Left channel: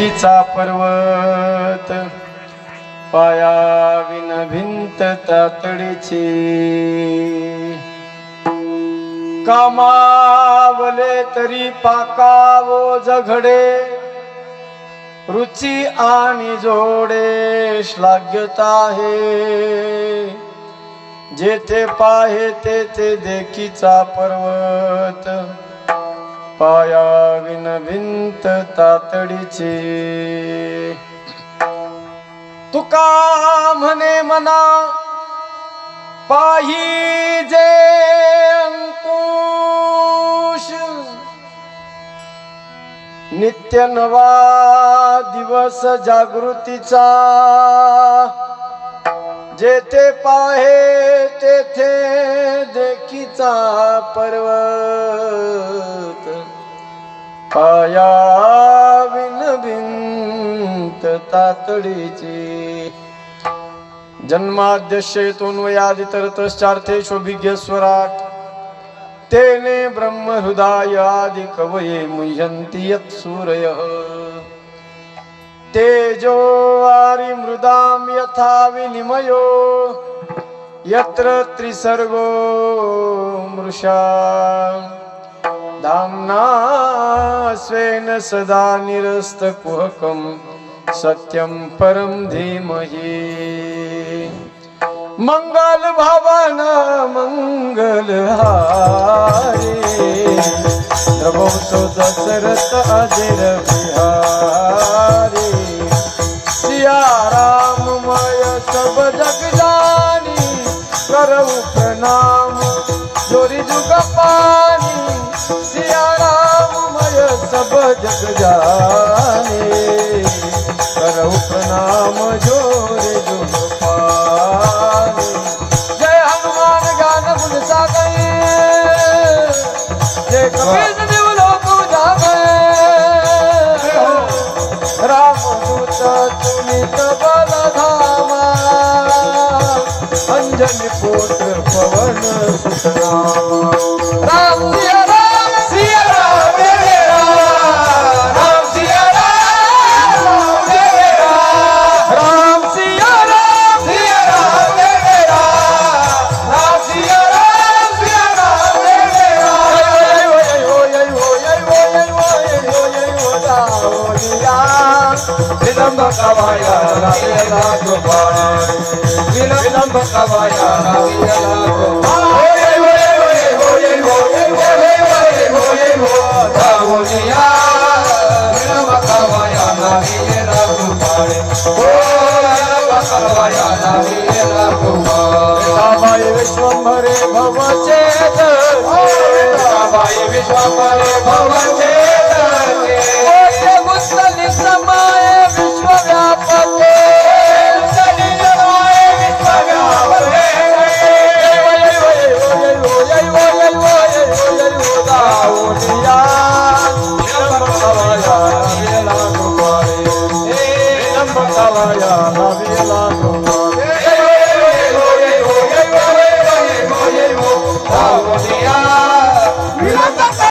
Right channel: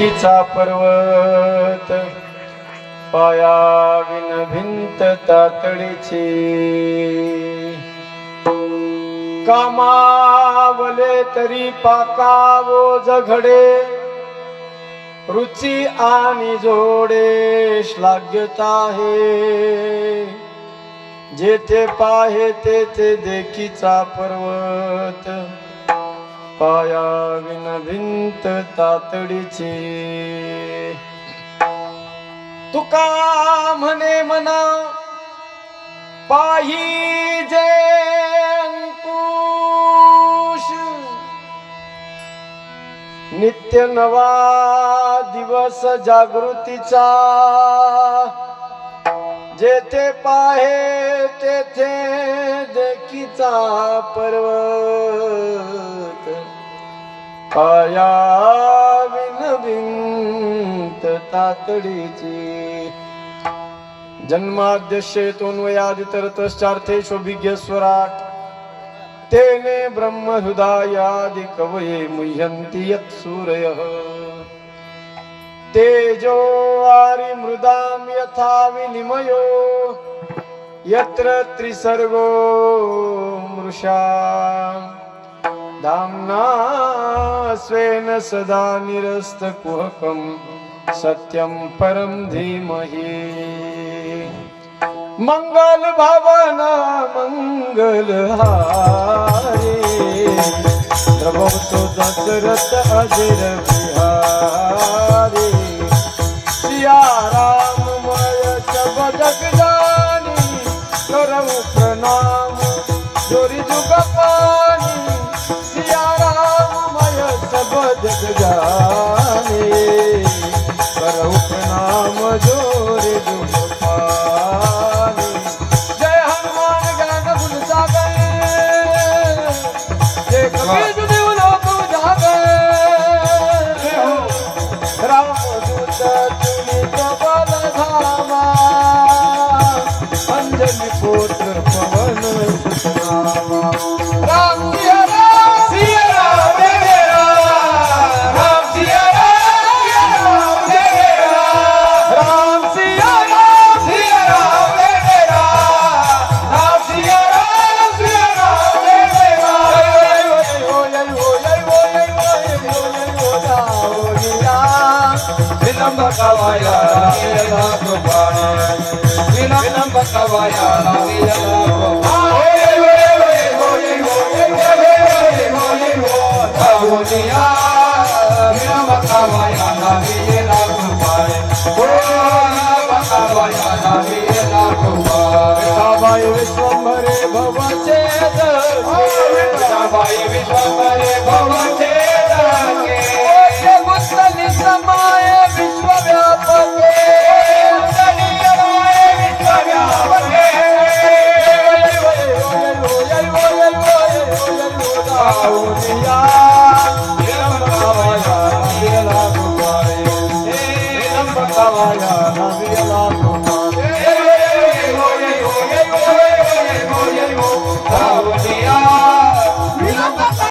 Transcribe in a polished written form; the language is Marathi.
देखीचा पर्वत पाया विन भिंत तातडीची कामावले तरी पाकावो जघडे रुची आणि जोडे श्लाघ्यता आहे जेथे पाहे तेथे देखीचा पर्वत पाया विन भिंत तातडीची तुका म्हणे मना पाहिजे अंकुश नित्य नवा दिवस जागृतीचा जेथे पाहे तेथे देखीचा पर्वत पाया विन भिंत तातडीची जन्माद्यशेतून वयादितरतश्चार्थेष्वभिज्ञ स्वराट तेने ब्रह्म हृदय आदि कवये मुह्यन्ति यत् सूरयः तेजो वारि मृदां यथा विनिमयो यत्र त्रिसर्गो मृषा धाम्ना स्वेन सदा निरस्तकुहकं सत्यं परं धीमहि मंगल भवन मंगल हारे प्रभो दशरथ अजर बिहारी सिया राममय सब जग जानी करऊ प्रणाम जोरी जुग पानी सिया राममय सब जग जानी करऊ प्रणाम जोरी जुग पानी जय हनुमान ज्ञान गुण सागर जय कबीर दिवलो पूजा गए राम दूत तुलित बल धाम अंजनी पुत्र पवन सुत राम सिया राम सिया राम मेरा राम सिया राम मेरा राम सिया राम मेरा राम सिया राम मेरा विलंब कवाया विलंब कृपाया विलंब कवाया विलंब विश्वंभरे भवचेत